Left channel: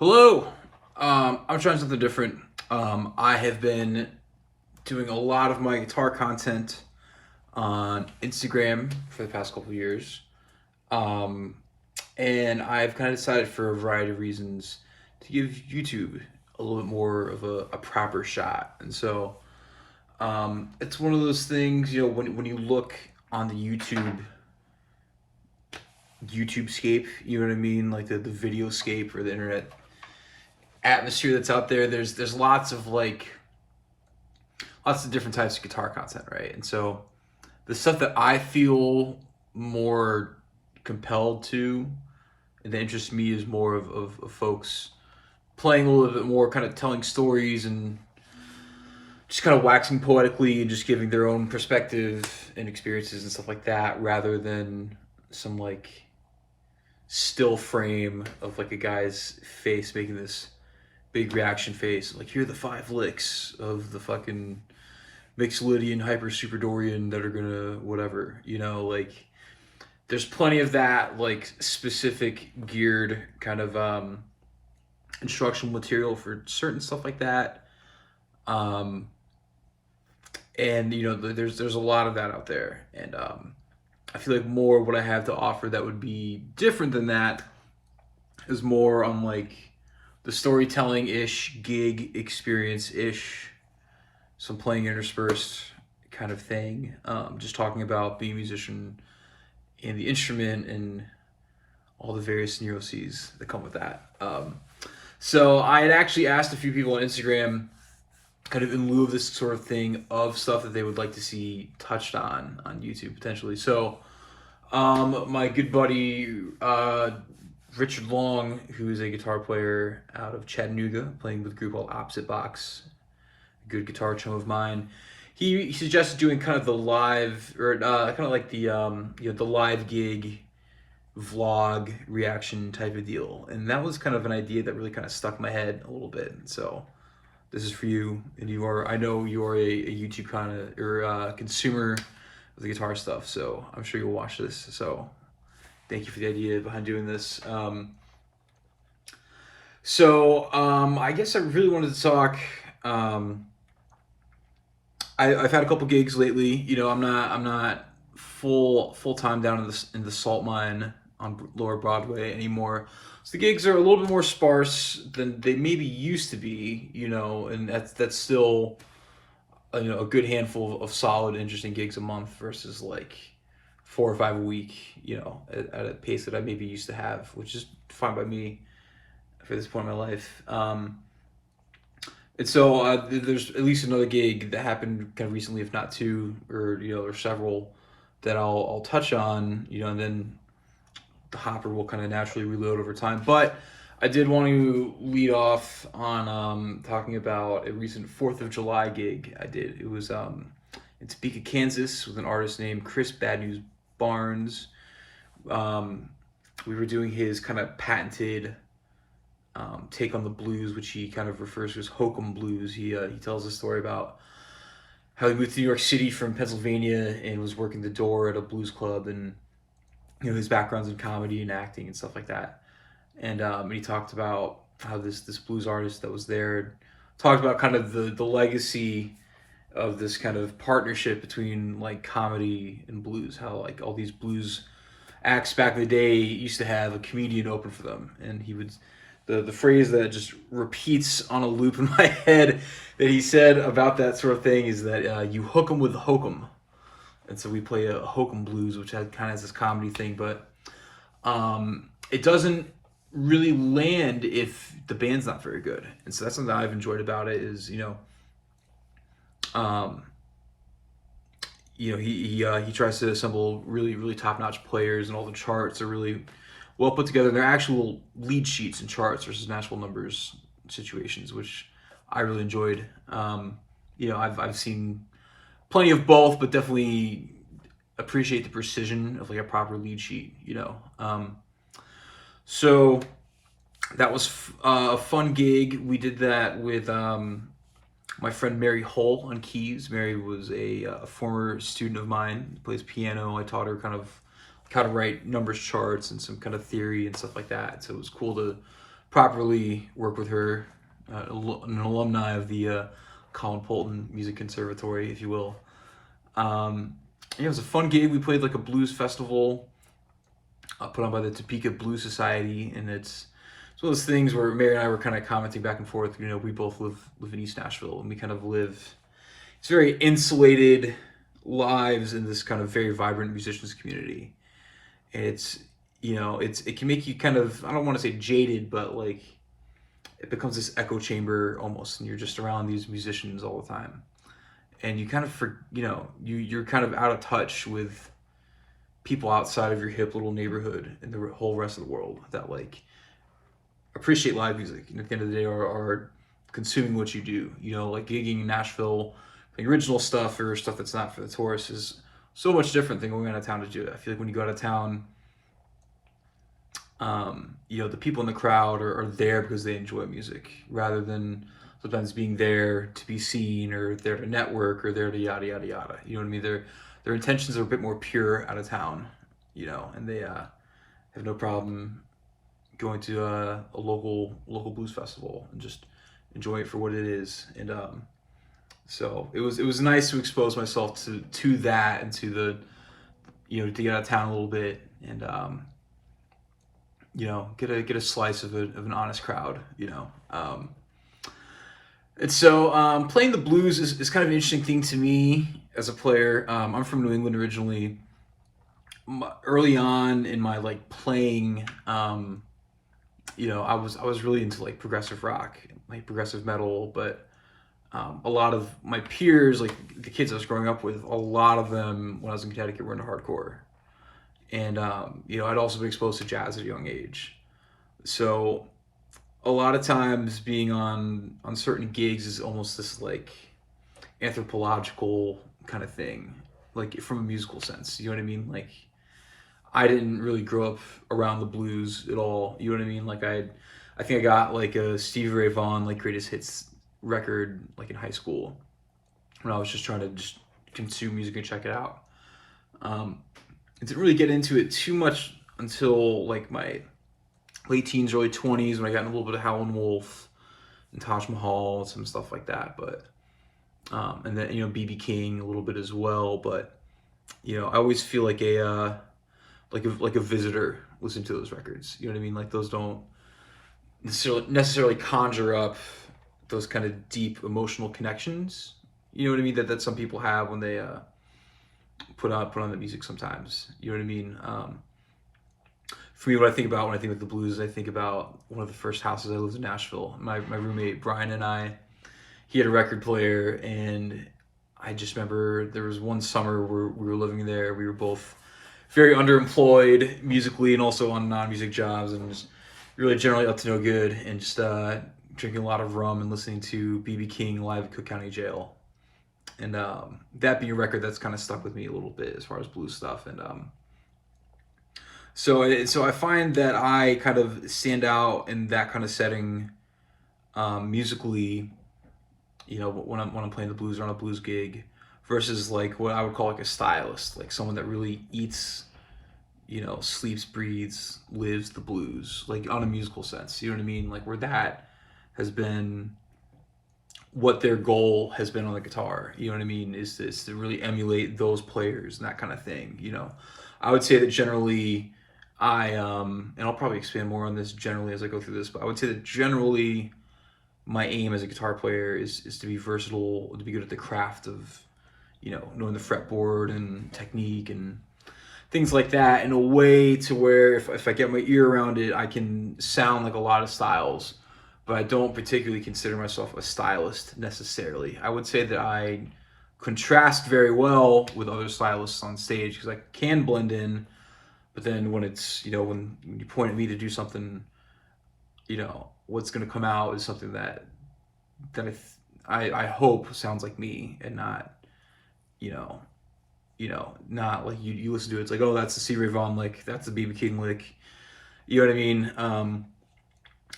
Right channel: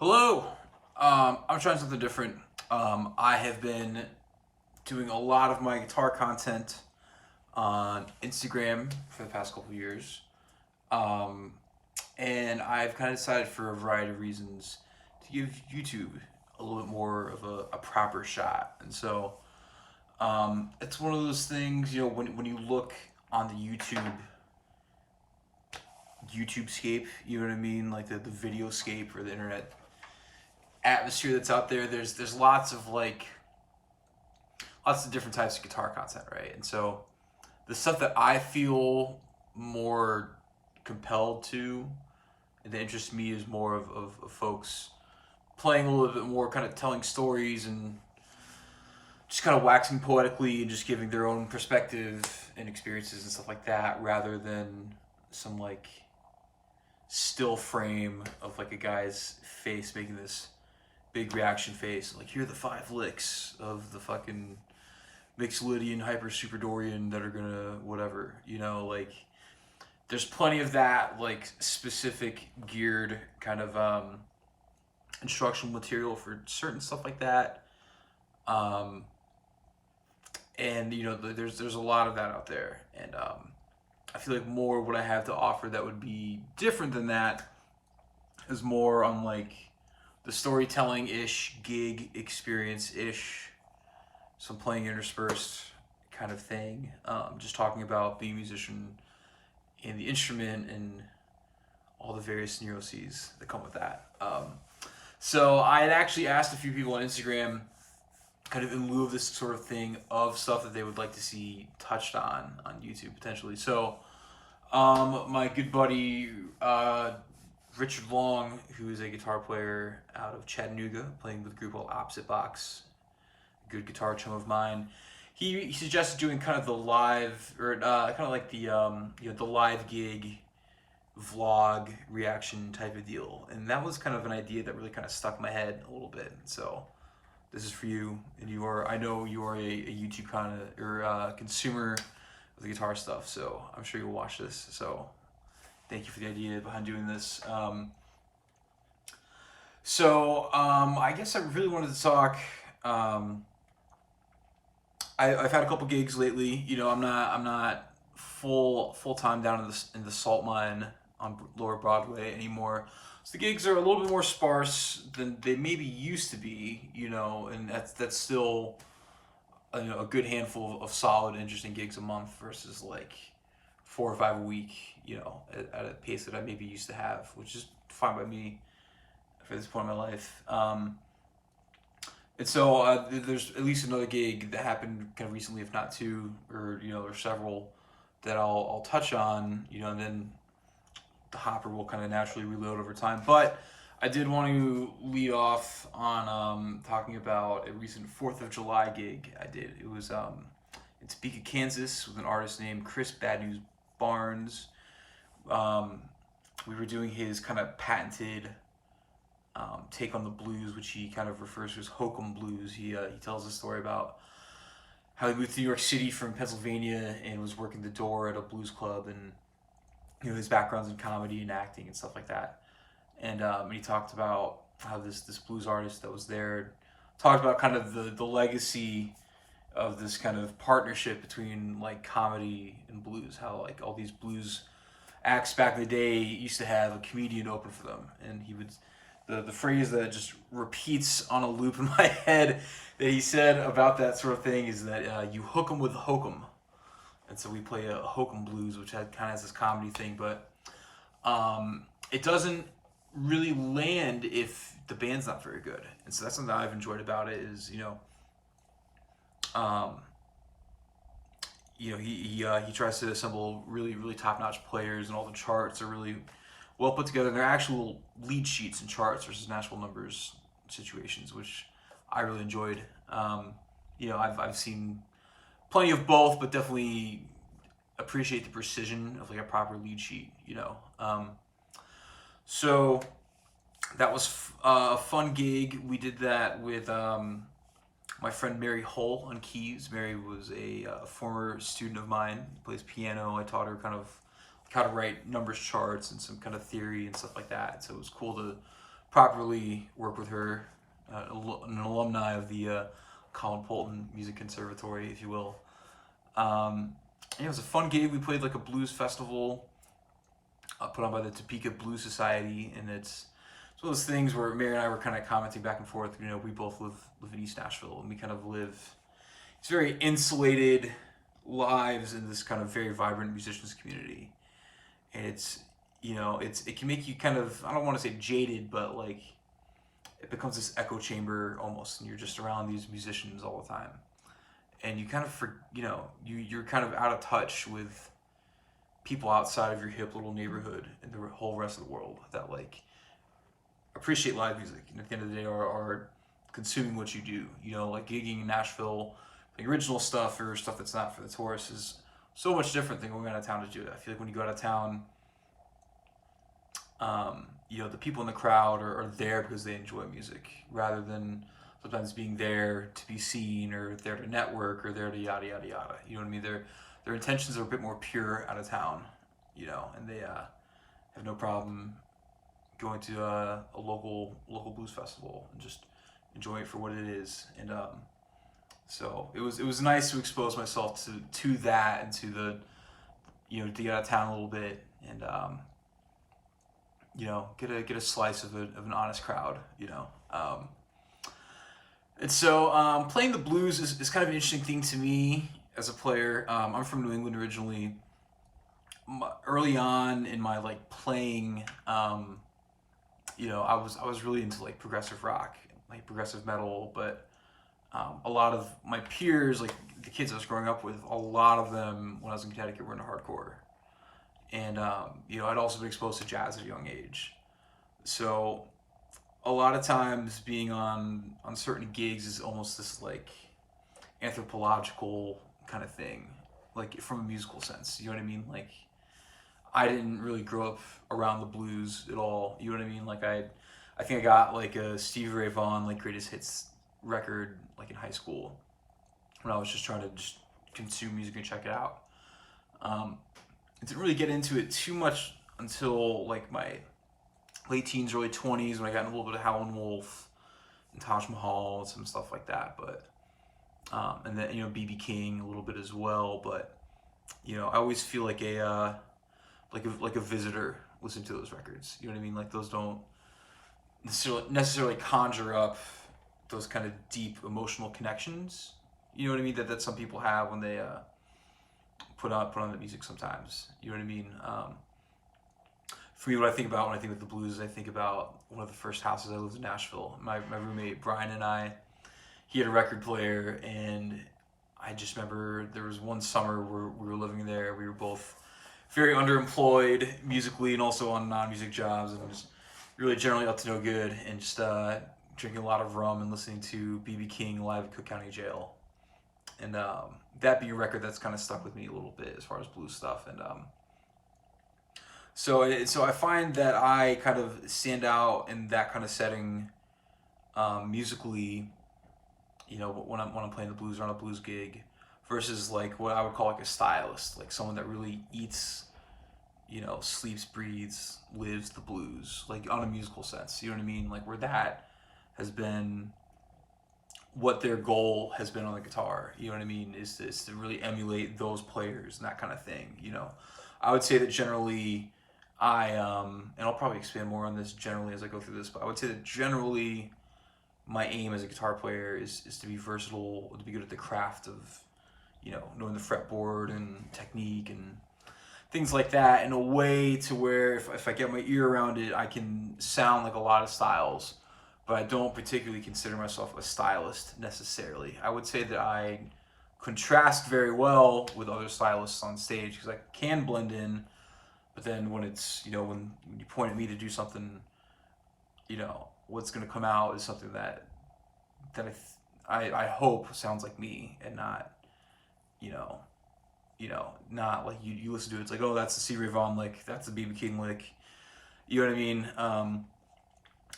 Hello. I'm trying something different. I have been doing a lot of my guitar content on Instagram for the past couple of years. Um, and I've kind of decided for a variety of reasons to give YouTube a little bit more of a proper shot. And so it's one of those things, when you look on the YouTube scape, you know what I mean? Like the video scape or the internet atmosphere that's out there, there's lots of different types of guitar content, right? And so the stuff that I feel more compelled to and that interests me is more of folks playing a little bit more, kind of telling stories and just kind of waxing poetically and just giving their own perspective and experiences and stuff like that, rather than some still frame of a guy's face making this big reaction face, like here are the 5 licks of the fucking Mixolydian Hyper Superdorian that are gonna whatever, there's plenty of that specific geared kind of instructional material for certain stuff like that. And there's a lot of that out there, and I feel like more what I have to offer that would be different than that is more on the storytelling-ish, gig experience-ish, some playing interspersed kind of thing. Just talking about being a musician and the instrument and all the various neuroses that come with that. So I had actually asked a few people on Instagram, kind of in lieu of this sort of thing, of stuff that they would like to see touched on YouTube potentially. So my good buddy Richard Long, who is a guitar player out of Chattanooga, playing with a group called Opposite Box, a good guitar chum of mine. He suggested doing kind of the live, or kind of like the the live gig vlog reaction type of deal, and that was kind of an idea that really kind of stuck in my head a little bit. So this is for you, and I know you are a YouTube kind of or consumer of the guitar stuff, so I'm sure you'll watch this. So thank you for the idea behind doing this. I guess I really wanted to talk. I've had a couple gigs lately. I'm not full time down in the salt mine on Lower Broadway anymore. So the gigs are a little bit more sparse than they maybe used to be. And that's still a good handful of solid, interesting gigs a month versus 4 or 5 a week. At a pace that I maybe used to have, which is fine by me for this point in my life. And so there's at least another gig that happened kind of recently, if not 2, or several that I'll touch on, and then the hopper will kind of naturally reload over time. But I did want to lead off on talking about a recent 4th of July gig I did. It was in Topeka, Kansas, with an artist named Chris Bad News Barnes. We were doing his kind of patented take on the blues, which he kind of refers to as hokum blues. He tells a story about how he moved to New York City from Pennsylvania and was working the door at a blues club, and his background's in comedy and acting and stuff like that. And he talked about how this blues artist that was there talked about kind of the legacy of this kind of partnership between comedy and blues, how all these blues acts back in the day used to have a comedian open for them, and he would the phrase that just repeats on a loop in my head that he said about that sort of thing is that you hook 'em with the hokum. And so we play a hokum blues, which kind of has this comedy thing, but it doesn't really land if the band's not very good. And so that's something that I've enjoyed about it is, um, he tries to assemble really really top notch players, and all the charts are really well put together. They're actual lead sheets and charts versus Nashville numbers situations, which I really enjoyed. I've seen plenty of both, but definitely appreciate the precision of like a proper lead sheet. So that was a fun gig. We did that with my friend Mary Hull on keys. Mary was a former student of mine, plays piano. I taught her kind of how to write numbers charts and some kind of theory and stuff like that. So it was cool to properly work with her, an alumni of the Colin Polton Music Conservatory, if you will. It was a fun gig. We played like a blues festival put on by the Topeka Blues Society, and it's one of those things where Mary and I were kind of commenting back and forth. We both live in East Nashville, and we kind of live it's very insulated lives in this kind of very vibrant musicians community. It's it can make you kind of, I don't want to say jaded, but like it becomes this echo chamber almost, and you're just around these musicians all the time, and you kind of you're kind of out of touch with people outside of your hip little neighborhood and the whole rest of the world that like appreciate live music, and at the end of the day are consuming what you do. Like gigging in Nashville, like original stuff or stuff that's not for the tourists is so much different than going out of town to do it. I feel like when you go out of town, the people in the crowd are there because they enjoy music, rather than sometimes being there to be seen or there to network or there to yada yada yada. You know what I mean? Their intentions are a bit more pure out of town, and they have no problem going to a local blues festival and just enjoy it for what it is. And so it was nice to expose myself to that, and to the to get out of town a little bit, and get a slice of an honest crowd. And so playing the blues is kind of an interesting thing to me as a player. I'm from New England originally. Early on in my like playing, I was really into like progressive rock, like progressive metal, but a lot of my peers, like the kids I was growing up with, a lot of them when I was in Connecticut were into hardcore, and I'd also been exposed to jazz at a young age, so a lot of times being on certain gigs is almost this like anthropological kind of thing, like from a musical sense. You know what I mean? Like I didn't really grow up around the blues at all. You know what I mean? Like I think I got like a Stevie Ray Vaughan like greatest hits record like in high school when I was just trying to just consume music and check it out. I didn't really get into it too much until like my late teens, early 20s, when I got in a little bit of Howlin' Wolf and Taj Mahal and some stuff like that. But and then BB King a little bit as well. But I always feel like a visitor listening to those records. You know what I mean? Like those don't necessarily conjure up those kind of deep emotional connections. You know what I mean? That some people have when they put on the music sometimes. You know what I mean? For me, what I think about when I think of the blues, I think about one of the first houses I lived in Nashville. My roommate Brian and I, he had a record player, and I just remember there was one summer where we were living there. We were both very underemployed musically and also on non-music jobs, and just really generally up to no good, and just drinking a lot of rum and listening to BB King live at Cook County Jail. And that being a record that's kind of stuck with me a little bit as far as blues stuff. And so I find that I kind of stand out in that kind of setting musically, when I'm playing the blues or on a blues gig, versus like what I would call like a stylist, like someone that really eats, sleeps, breathes, lives the blues, like on a musical sense. You know what I mean? Like where that has been what their goal has been on the guitar. You know what I mean? Is to really emulate those players and that kind of thing. I would say that generally and I'll probably expand more on this generally as I go through this, but I would say that generally my aim as a guitar player is to be versatile, to be good at the craft of, knowing the fretboard and technique and things like that in a way to where if I get my ear around it, I can sound like a lot of styles, but I don't particularly consider myself a stylist necessarily. I would say that I contrast very well with other stylists on stage because I can blend in, but then when it's, when you point at me to do something, what's going to come out is something that I hope sounds like me and not, you know, not like you listen to it, it's like, oh, that's the C. Ray Vaughan lick, that's the BB King lick. You know what I mean?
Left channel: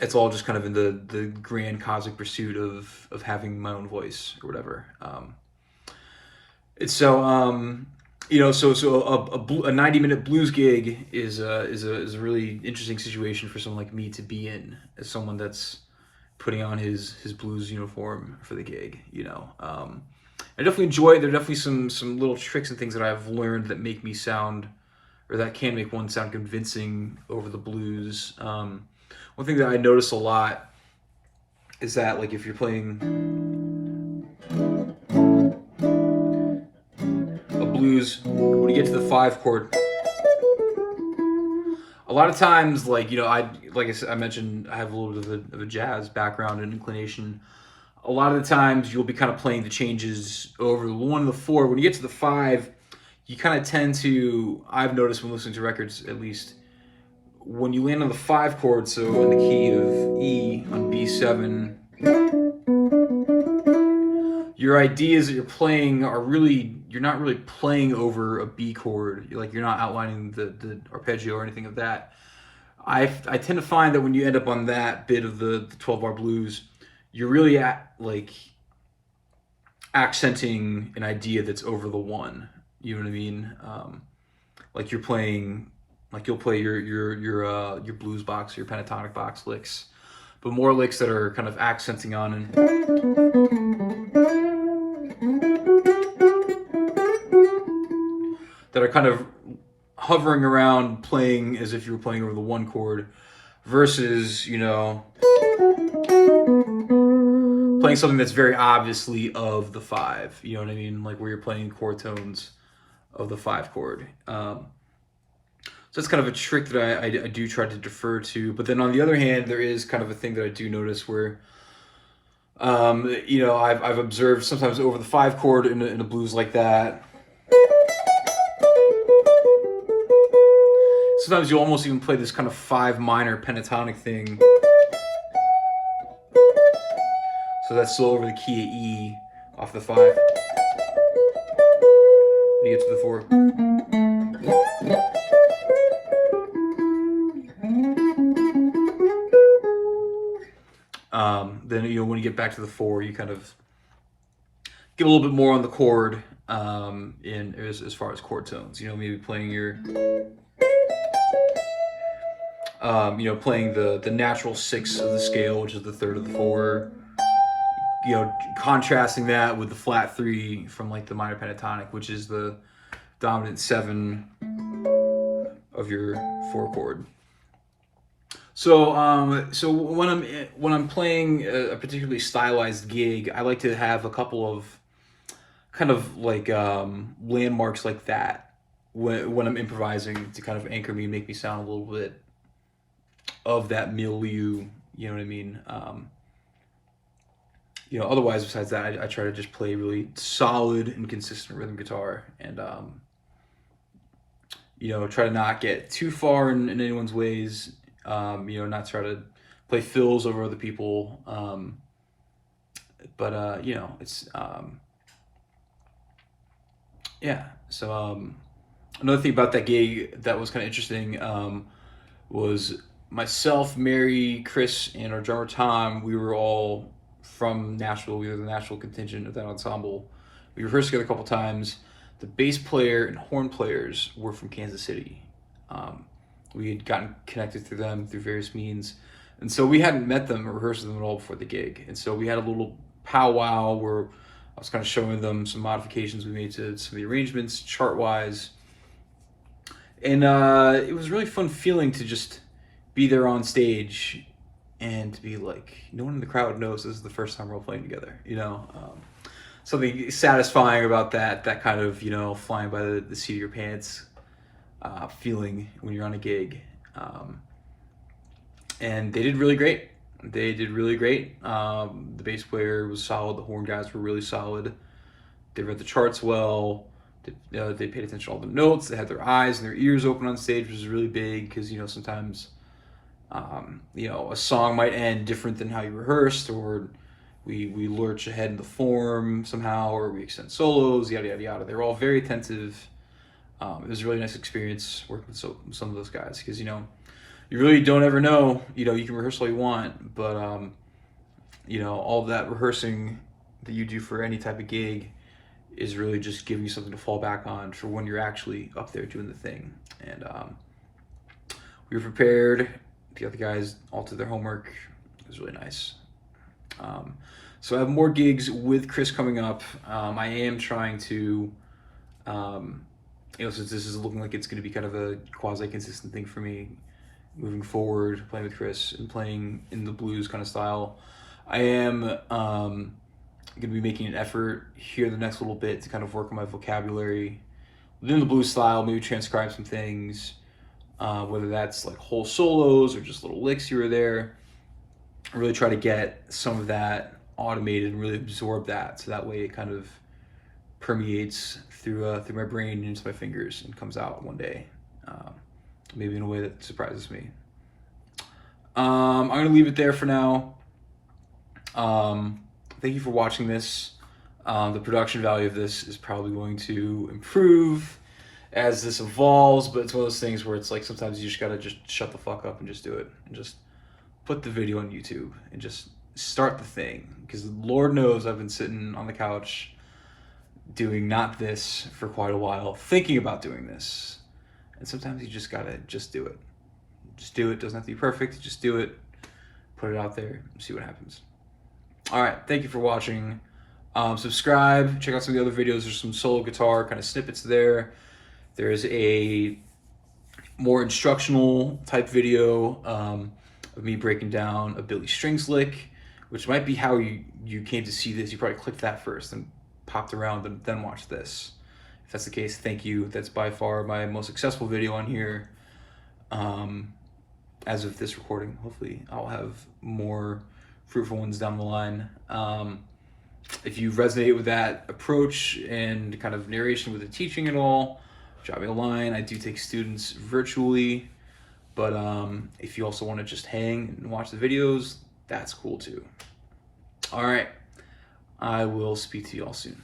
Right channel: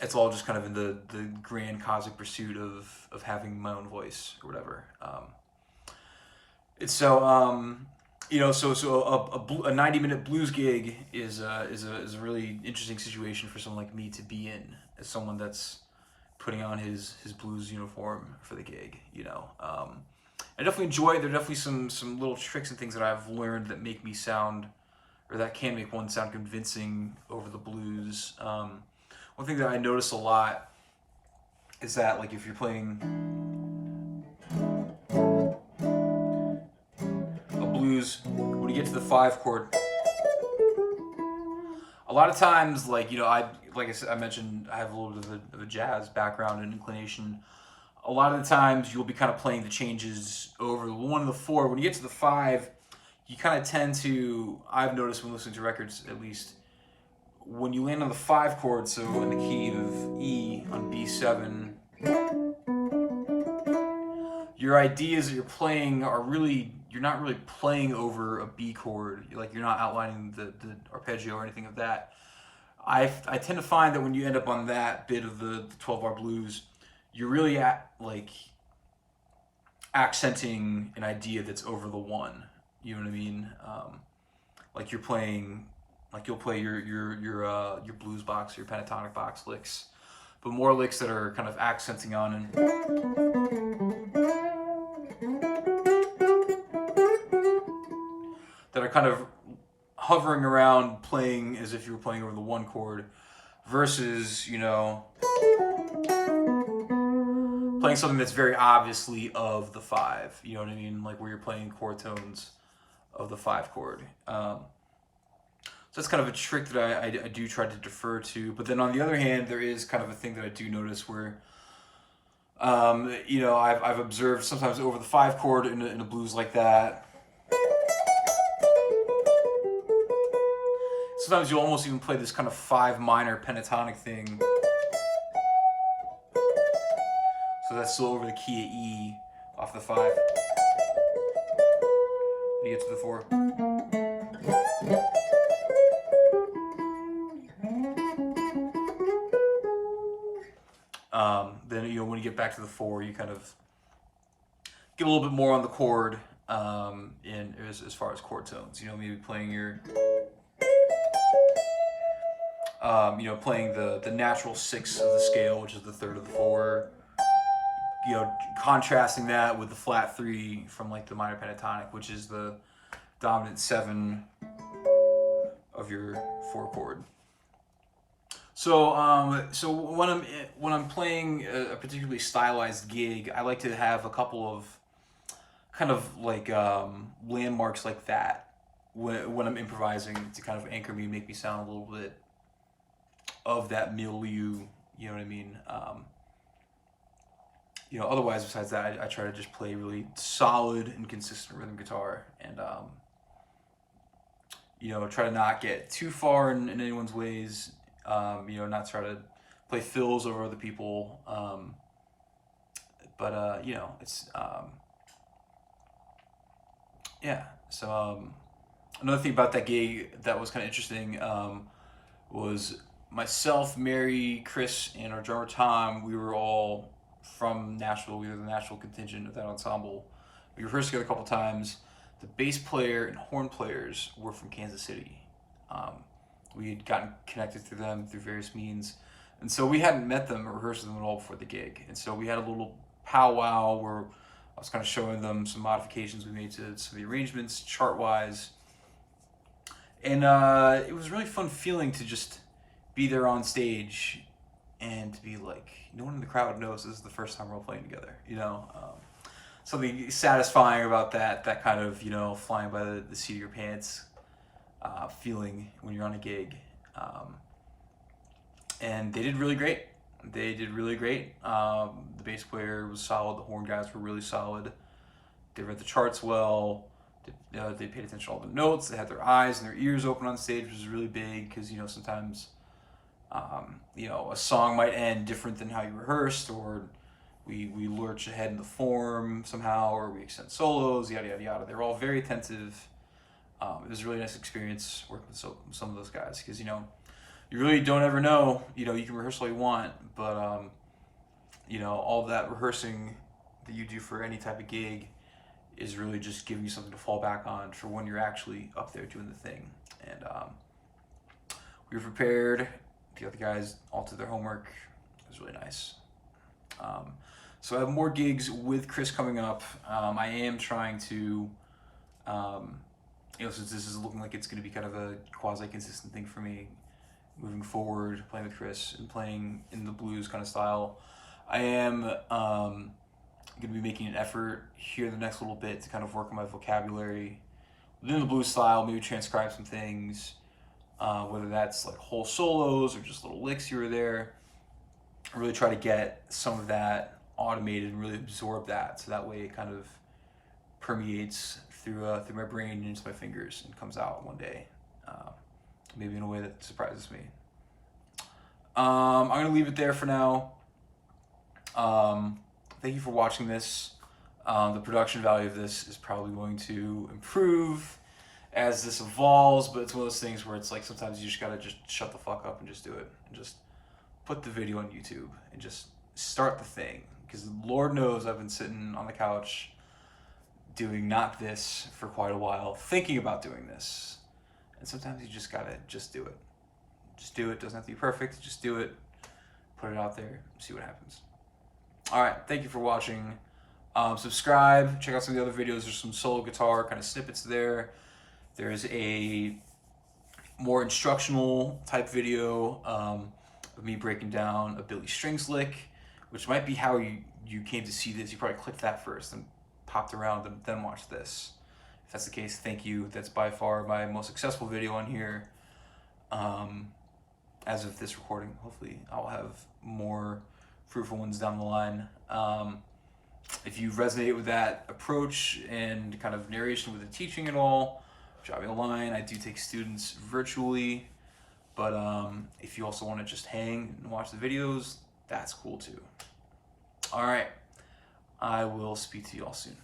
It's all just kind of in the grand cosmic pursuit of having my own voice or whatever. It's so a 90-minute blues gig is a really interesting situation for someone like me to be in, as someone that's putting on his blues uniform for the gig. I definitely enjoy it. There are definitely some little tricks and things that I've learned that make me sound, or that can make one sound convincing over the blues. One thing that I notice a lot is that, like, if you're playing a blues, when you get to the 5 chord, a lot of times, like I said, I mentioned I have a little bit of a jazz background and inclination. A lot of the times you'll be kind of playing the changes over the 1 and the 4. When you get to the 5, you kind of tend to, I've noticed when listening to records at least, when you land on the 5 chord, so in the key of E on B7, your ideas that you're playing you're not really playing over a B chord. You're not outlining the arpeggio or anything of that. I tend to find that when you end up on that bit of the 12-bar blues, you're really accenting an idea that's over the 1. You know what I mean? Like you're playing, like you'll play your blues box, your pentatonic box licks, but more licks that are kind of accenting on that are kind of hovering around playing as if you were playing over the 1 chord, versus playing something that's very obviously of the 5. You know what I mean? Like where you're playing chord tones of the 5 chord. So that's kind of a trick that I do try to defer to. But then on the other hand, there is kind of a thing that I do notice where, I've observed sometimes over the 5 chord in a blues like that. Sometimes you'll almost even play this kind of 5 minor pentatonic thing. So that's still over the key of E off the 5. Then you get to the 4. Then when you get back to the 4, you kind of get a little bit more on the chord in as far as chord tones. Maybe playing your playing the natural 6 of the scale, which is the 3rd of the 4. Contrasting that with the flat 3 from like the minor pentatonic, which is the dominant 7 of your 4 chord. So when I'm playing a particularly stylized gig, I like to have a couple of kind of like landmarks like that when I'm improvising, to kind of anchor me and make me sound a little bit of that milieu. You know what I mean? Otherwise, besides that, I try to just play really solid and consistent rhythm guitar, and try to not get too far in anyone's ways. Not try to play fills over other people. It's yeah. So another thing about that gig that was kind of interesting was myself, Mary, Chris, and our drummer Tom. We were all from Nashville. We were the Nashville contingent of that ensemble. We rehearsed together a couple times. The bass player and horn players were from Kansas City. We had gotten connected through them through various means, and so we hadn't met them or rehearsed with them at all before the gig. And so we had a little powwow where I was kind of showing them some modifications we made to some of the arrangements, chart-wise. And it was a really fun feeling to just be there on stage and to be like, no one in the crowd knows this is the first time we're all playing together, you know? Something satisfying about that kind of, you know, flying by the seat of your pants feeling when you're on a gig. And they did really great. They did really great. The bass player was solid. The horn guys were really solid. They read the charts well. They paid attention to all the notes. They had their eyes and their ears open on stage, which was really big because, you know, sometimes, you know, a song might end different than how you rehearsed, or we lurch ahead in the form somehow, or we extend solos, yada, yada, yada. They were all very attentive. It was a really nice experience working with some of those guys because, you know, you really don't ever know. You know, you can rehearse all you want, but, you know, all that rehearsing that you do for any type of gig is really just giving you something to fall back on for when you're actually up there doing the thing. And we were prepared. The other guys all did their homework. It was really nice. So I have more gigs with Chris coming up. I am trying to, you know, since this is looking like it's going to be kind of a quasi-consistent thing for me moving forward, playing with Chris and playing in the blues kind of style, I am going to be making an effort here the next little bit to kind of work on my vocabulary within the blues style, maybe transcribe some things, whether that's like whole solos or just little licks here or there. Really try to get some of that automated and really absorb that, so that way it kind of permeates through my brain and into my fingers and comes out one day, maybe in a way that surprises me. I'm gonna leave it there for now. Thank you for watching this. The production value of this is probably going to improve as this evolves, but it's one of those things where it's like sometimes you just gotta just shut the fuck up and just do it, and just put the video on YouTube and just start the thing. Because Lord knows I've been sitting on the couch doing not this for quite a while, thinking about doing this. And sometimes you just gotta just do it. Just do it. Doesn't have to be perfect. Just do it. Put it out there. See what happens. All right. Thank you for watching. Subscribe. Check out some of the other videos. There's some solo guitar kind of snippets there. There's a more instructional type video of me breaking down a Billy Strings lick, which might be how you came to see this. You probably clicked that first and popped around and then watched this. If that's the case, thank you. That's by far my most successful video on here as of this recording. Hopefully I'll have more fruitful ones down the line. If you resonate with that approach and kind of narration with the teaching and all, drop me a line. I do take students virtually, but if you also want to just hang and watch the videos, that's cool too. All right, I will speak to you all soon.